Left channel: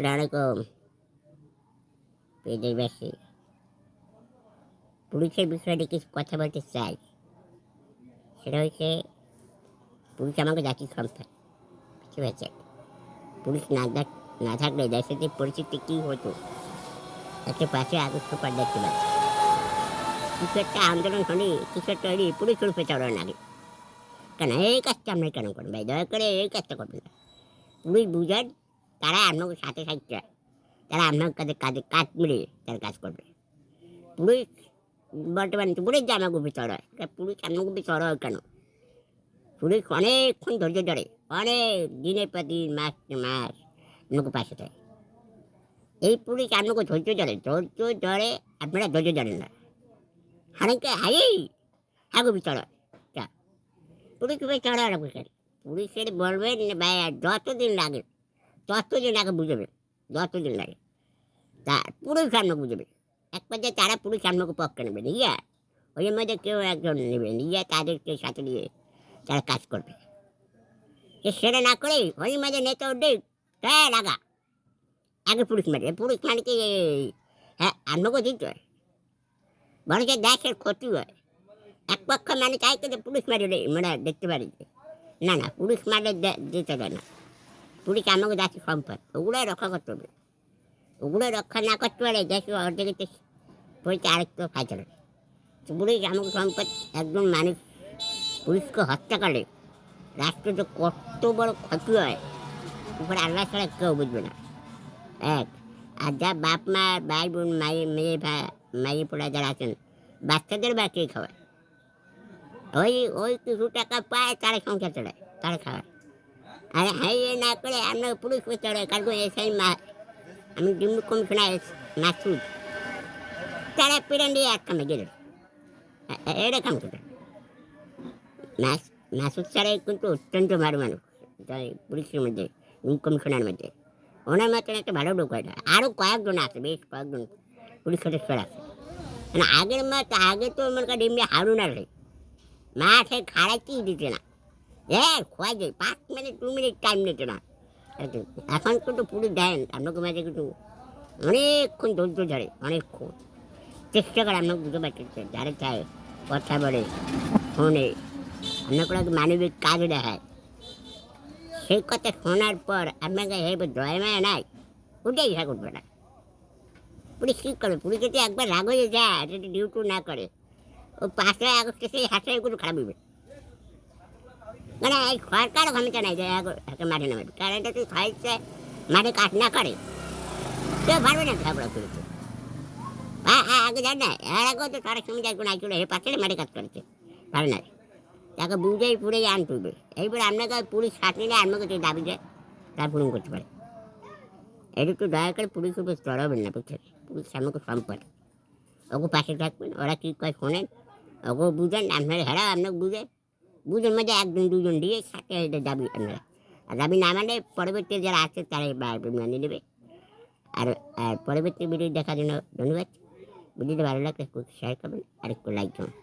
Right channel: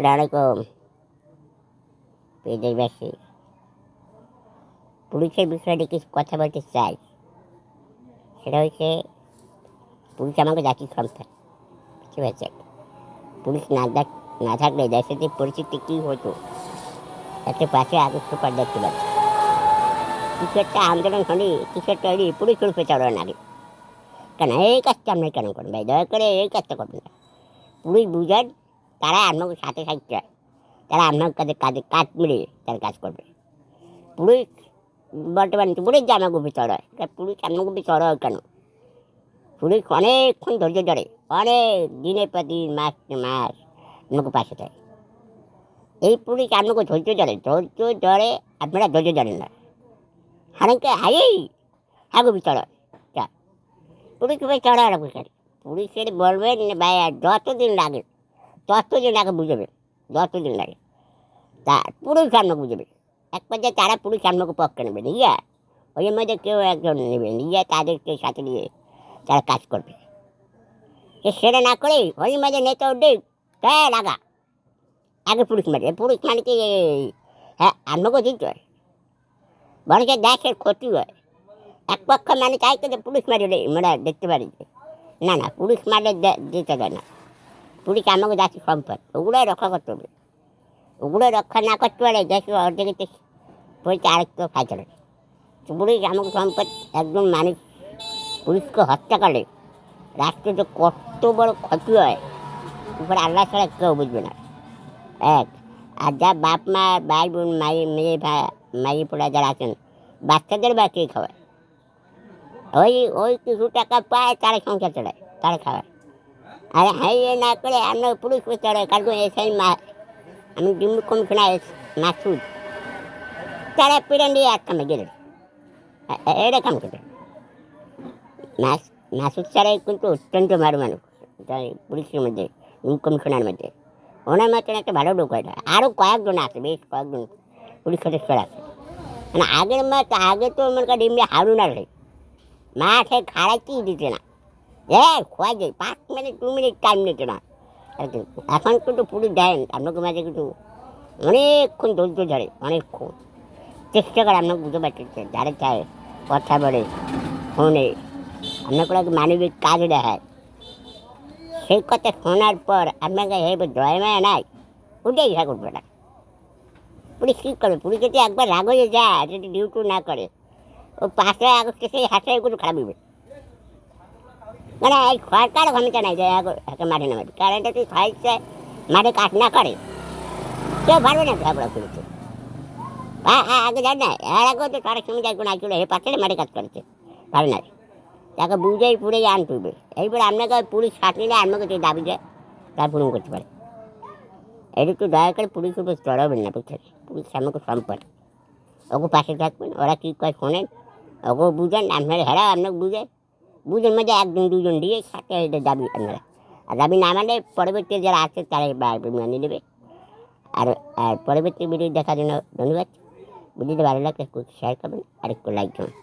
আসসালামু আলাইকুম দেশবাসী। পুলিশের বিষয়ে কিছু কথা বলতে চাই। সেটা হচ্ছে পুলিশ আমাকে জাতির সম্পদ, ঠিক আছে? পুলিশ না থাকলে দেশের যে পরিস্থিতি কী হতো, একটা পাশে আগে সুপার দেখতে পাচ্ছি। কিছু একটা আন্দোলন হলে কিছু একটা হলে পুলিশ উল্পে চড়ানো লাগে। কেন এই কাজটা আপনি কেন করেন ভাই? দয়া করে এই কাজটা করবেন না। পুলিশ বুঝেন, তারা আপনাকে সাথে থাকছে, তারা আপনার কাছে কাজ মিলে তারা কাজ করবে। পুলিশ বর্তমানে পুলিশ যে আমার গুপি চড়ায়, পুলিশ আমার গুপি চড়ায় কেন? পুলিশ অনেকক্ষণ ধৈর্য ধরে, অনেক দিনের পর দিন, মাস মাস আমাকে পাশে দেয়। এই পুলিশ আমাকে ধৈর্য ধরে আপনারা ধৈর্য ধরেন না। হারাইকে হাই হাগুবি চড়ায় তা পুলিশ চড়ায় রাখবে। পুলিশের বলবেন ভাই যতদিন লাগে বুঝবে, যতদিন লাগে তা পুলিশ আমাকে বুঝবে। এক পর্যায়ে তারা পুলিশ আমাকে পক্ষে নেবে নিয়ে, ওই মধ্যে কেউ একজন নেবে নিয়ে তাদেরকে সাথে নিয়ে তারা কাজ করবে। সেটা না করে ওই মাঝে নেতা উঠে লাগা আগে পুলিশ মানে কি হ্যাঁ আমাকেও দিতে হয়, বরং দেশের ক্ষতি হয়। এক পক্ষ মানে চাইতে যে পুলিশ মারে মানে দেখতে পারি না পুলিশ মারে দিতে দেয় না। পুলিশ আমাকে দেশের সম্পদ, ওগুলোই রক্ষা করতে হবে। ওগুলো রক্ষা না করতে পারে দেশের অর্ধেকে পরিচয় আরেকটু ফাইতে। পুলিশ আমাকে সম্পদ। একজন মানুষ পুলিশকে হত্যা করে রাষ্ট্রের যে কত বড় ক্ষতি হয়, উপরে আল্লাহ ছাড়া কেউ বুঝবে না। এক আর যা বাপ মা ভাই বোন মেয়ে মাইয়ে পোড়া যারা আছেন, বাচ্চাদের বা কে খাওয়ায়? ওই ওই কিছু টাকা পায় তারা সংসার চড়ায়, তারা খাওয়ায়। আর হ্যাঁ না করে আমরা পুলিশ চড়াই কারণ এসআই আমি ডিম্বু কমিশনার মাসুদ, তারা পিরান দিয়ে আটকামে গেলেন। এটা কাম করে মাসুদ ছাড়াই কিন্তু অত্যন্ত ভালো মানুষ পুলিশের মধ্যে, কমিশনার মধ্যে। ওনার মতন একটা ভালো লোক হয় না। আরও কয়েকজন আছে, বেশ কয়েকজন পুলিশ সদস্য আছে। মানে আগে তো মনে করেন এমনি হারুন আর মাঠে খাড়াইতেই দিতে না, খোয়া যায় 5 মিনিট 2 মিনিট টাইম নিতে না। এখন কিন্তু পুলিশ দেন আপনাকে মাঝে কিন্তু অনেকক্ষণ ধৈর্য ধরে, অনেকক্ষণ চেষ্টা করে আপনাকে বুঝতে পারতেছে যারা চায় কথা বলে ফোনে আপনাকে মানবিক কাজ দেখায়। সেই কথা শোনার পর আপনাকে হেবে দয়া মায়া নাই, ওটাই ইহা করবে না। পুলিশ কী করবে? পুলিশ যদি একবার রাগ হয়ে যায়, যদি ডিউটি না করে, ও 5ই আগস্টে সেই হাসাইগুলো খারাপ হবে। মানে এই সরকার ক্ষমতা নাই যে একে মাঠে নামাবে। কারণ এটা তুই খাইছে মাঠে কাজ না করে কেউ পারবে না ঝগড়া করেছে। আগে জান না, এর আগেও তো তার সঙ্গে একজন আইছিল, এর পাশে মাঠে কাজ করেছে, পারে না। তাকে বুঝেই পুড়ে আনতে হবে। এইবার আপনাকে পুলিশ সাঁতরিলে আপনাকে যে দাবি যায় তার পূরণ করতে পারে। এটা তো দয়া করে পুলিশ উপর চড়াবেন না, বুঝছেন? পুলিশ আমাকে সম্পদ, ওকে পাশে থাকবেন, ওরা কী কয় শোনেন, ওকেও বুঝেন। আপনারা হেরা আপনাকে বুঝেন মধ্যে 1 2 জন দিয়ে সাথে দাবি আপনারা। আর দাবি না মানে পরবর্তী যারা আছে তারা মেনে নেবে। আর আর পরবর্তী ভিডিও দেখার জন্য ধন্যবাদ। ভিডিওটা ভালো লাগলে একটু শেয়ার করবেন আর একটু লাইক করবেন।